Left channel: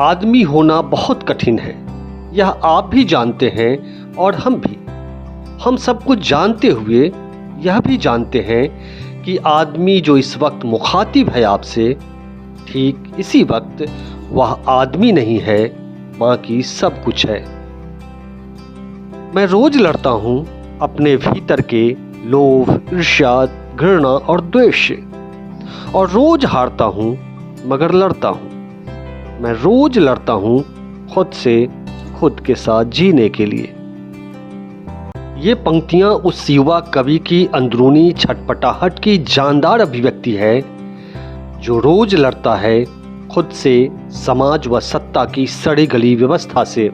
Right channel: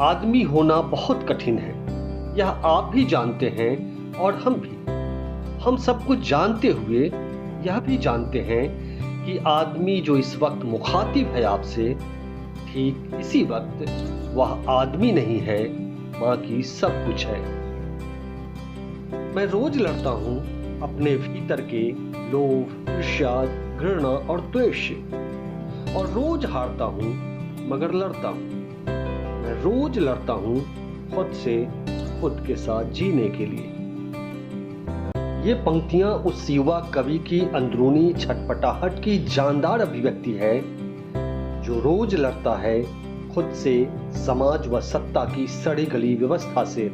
आदमी होना बहुत कठिन है, यह आप भी जानते हैं और हम भी। हम सब कुछ जानते हुए यह भी जानते हैं कि आदमी जो इस वक्त मुखातिब है आपसे, ठीक इसी वक्त वह आदमी नहीं है, बाकी सब कुछ है। मैं रोज लड़ता हूँ अपने भीतर के लोभ, ईर्ष्या, घृणा और द्वेष से, और रोज हारता हूँ मगर लड़ता हूँ। मैं रोज लड़ता हूँ खुद से, खुद के साथ जीने के लिए। ये पंक्तियां उस युवा कवि की अंदरूनी छटपटाहट की जानदार अभिव्यक्ति है, जो रोज लड़ता है खुद से, समाज व सत्ता की सड़ी गली व्यवस्था से,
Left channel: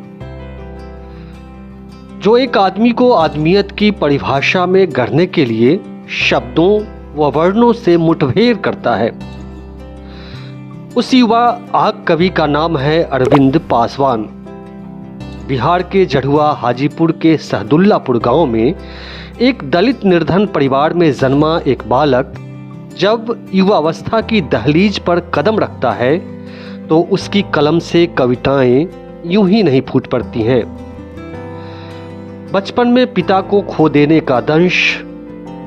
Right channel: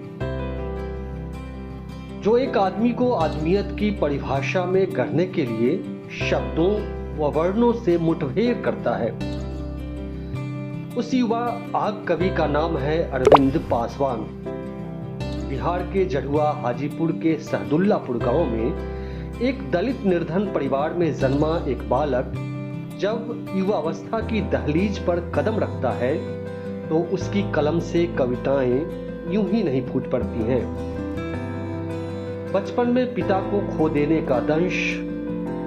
जो एक आदमी को आदमियत की परिभाषा में गढ़ने के लिए शब्दों व वर्णों से मुठभेड़ करता है। उस युवा आग कवि का नाम है अरविंद पासवान। बिहार के जढ़ुआ हाजीपुर के सहदुल्लापुर गांव में एक दलित निर्धन परिवार में जन्मा एक बालक जब युवावस्था की दहलीज पर कदम रखता है तो उसकी कलम से कविताएं यूं ही नहीं फूट पड़ती हैं। बचपन में पिता को खो देने का दंश,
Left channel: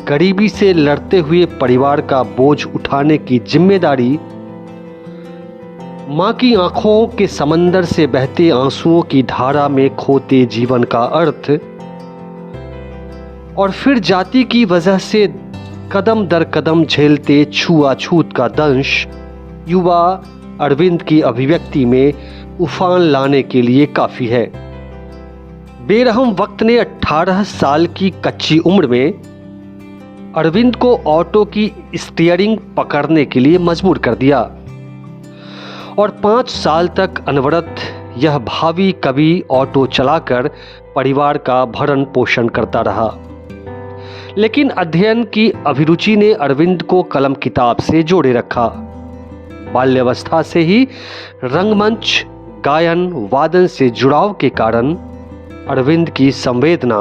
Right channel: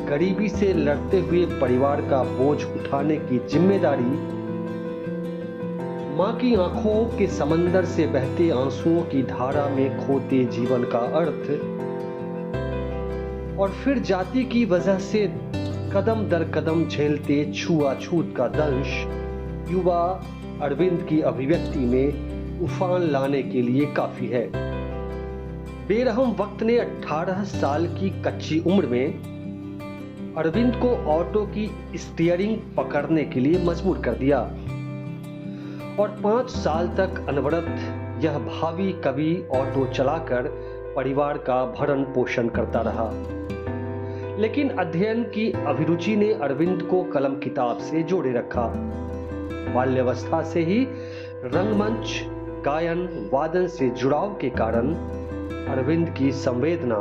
गरीबी से लड़ते हुए परिवार का बोझ उठाने की जिम्मेदारी, मां की आंखों के समंदर से बहते आंसुओं की धारा में खोते जीवन का अर्थ, और फिर जाति की वजह से कदम दर कदम झेलते छुआछूत का दंश युवा अरविंद की अभिव्यक्ति में उफान लाने के लिए काफी है। बेरहम वक्त ने 18 साल की कच्ची उम्र में अरविंद को ऑटो की स्टीयरिंग पकड़ने के लिए मजबूर कर दिया, और 5 साल तक अनवरत यह भावी कवि ऑटो चलाकर परिवार का भरण पोषण करता रहा। लेकिन अध्ययन की अभिरुचि ने अरविंद को कलम किताब से जोड़े रखा। बाल्यावस्था से ही रंगमंच, गायन, वादन से जुड़ाव के कारण अरविंद की संवेदना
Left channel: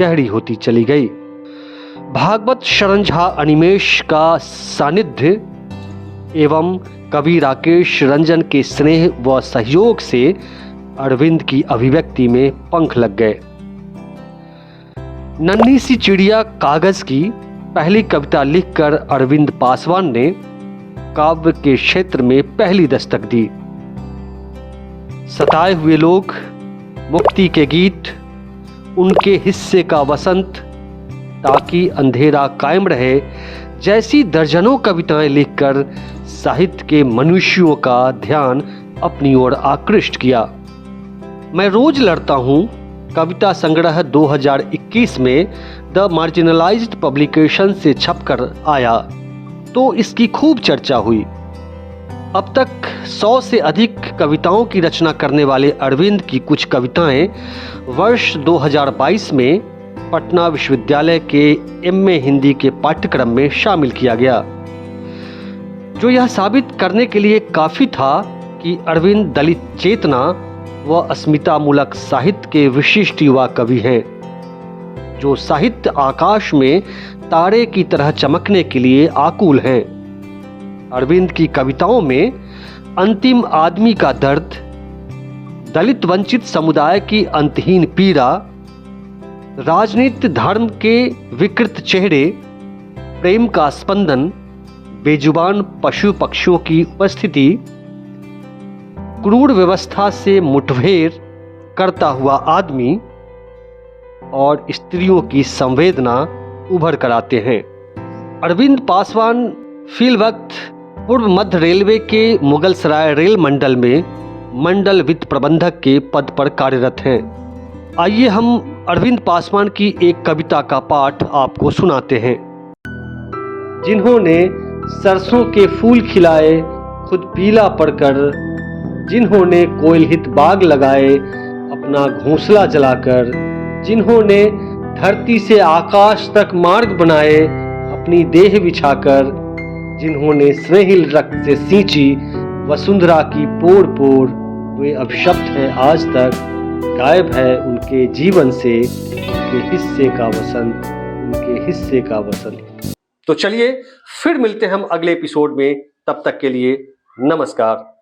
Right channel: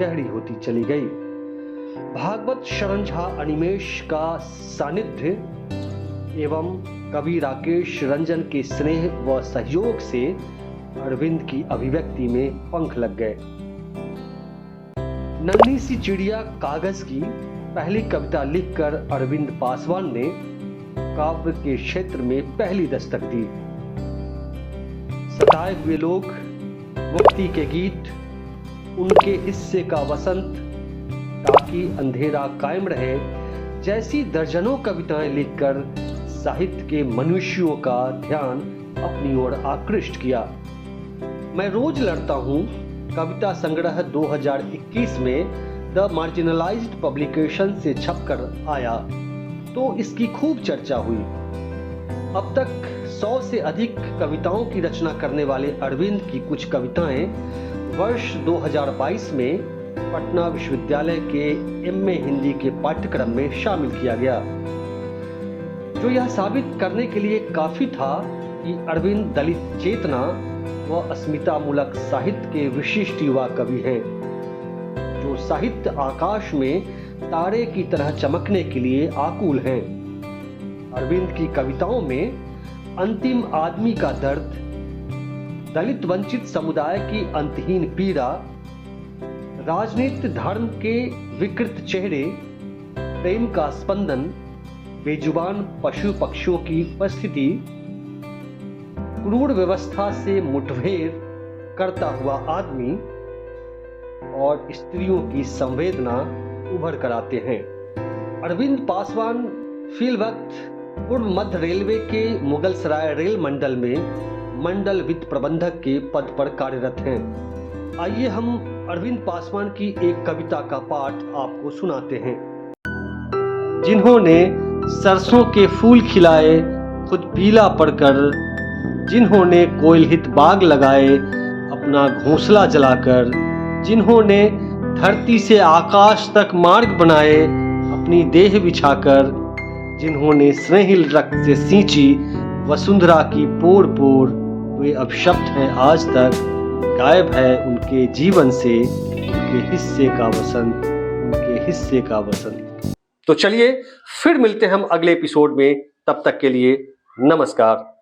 गहरी होती चली गई। भागवत शरण झा अनिमेष का सानिध्य एवं कवि राकेश रंजन के स्नेह व सहयोग से अरविंद की अभिव्यक्ति में पंख लग गए। नन्ही सी चिड़िया कागज की पहली कविता लिखकर अरविंद पासवान ने काव्य के क्षेत्र में पहली दस्तक दी। सताए हुए लोग, मुक्ति के गीत, उनके हिस्से का वसंत, ताकि अंधेरा कायम रहे जैसी दर्जनों कविताएं लिखकर साहित्य के मनुष्यों का ध्यान अपनी ओर आकृष्ट किया। मैं रोज लड़ता हूं कविता संग्रह 2021 में द मार्जिनलाइज्ड पब्लिकेशन से छपकर आया तो इसकी खूब चर्चा हुई। अब तक 100 से अधिक कविताओं की रचना करने वाले अरविंद की कुछ कविताएं वर्ष 2022 में पटना विश्वविद्यालय के एमए हिंदी के पाठ्यक्रम में शामिल किया गया, जो यह साबित करने के लिए काफी था कि अरविंद दलित चेतना व अस्मितामूलक साहित्य के विशिष्ट युवा कवि हैं, जो साहित्य आकाश में तारे की तरह चमकने के लिए आकुल हैं। अरविंद की कविताओं में अंतिम आदमी का दर्द, दलित वंचित समुदाय की अंतहीन पीड़ा, राजनीति धर्म के विकृत चेहरे, प्रेम का स्पंदन, बेजुबान पशु पक्षियों की उपस्थिति, क्रूर व्यवस्था से मुठभेड़ करता हुआ आदमी और स्त्रियों की संवेदना उभर कर आते हैं। अरविंद पासवान फिल वक्त पूर्व मध्य रेलवे के मुगलसराय रेल मंडल में मंडल वित्त प्रबंधक के पद पर कार्यरत हैं। आइए हम अरविंद पासवान की एक कविता का पाठ आपको सुनाते हैं। जिन्होंने सरसों के फूल खिलाए खुद पीला पड़कर, जिन्होंने कोयलहित बाग लगाए अपना घोंसला जलाकर, जिन्होंने धरती से आकाश तक मार्ग बनाए अपनी देह बिछाकर, जिन्होंने स्नेहिल रक्त से सींची वसुंधरा की पोर पोर, वे अब शब्द हैं आज तक, गायब है उनके जीवन से उनके हिस्से का वसंत, उनके हिस्से का वसंत। तो चलिए फिर मिलते हैं हम अगले एपिसोड में, तब तक के लिए नमस्कार।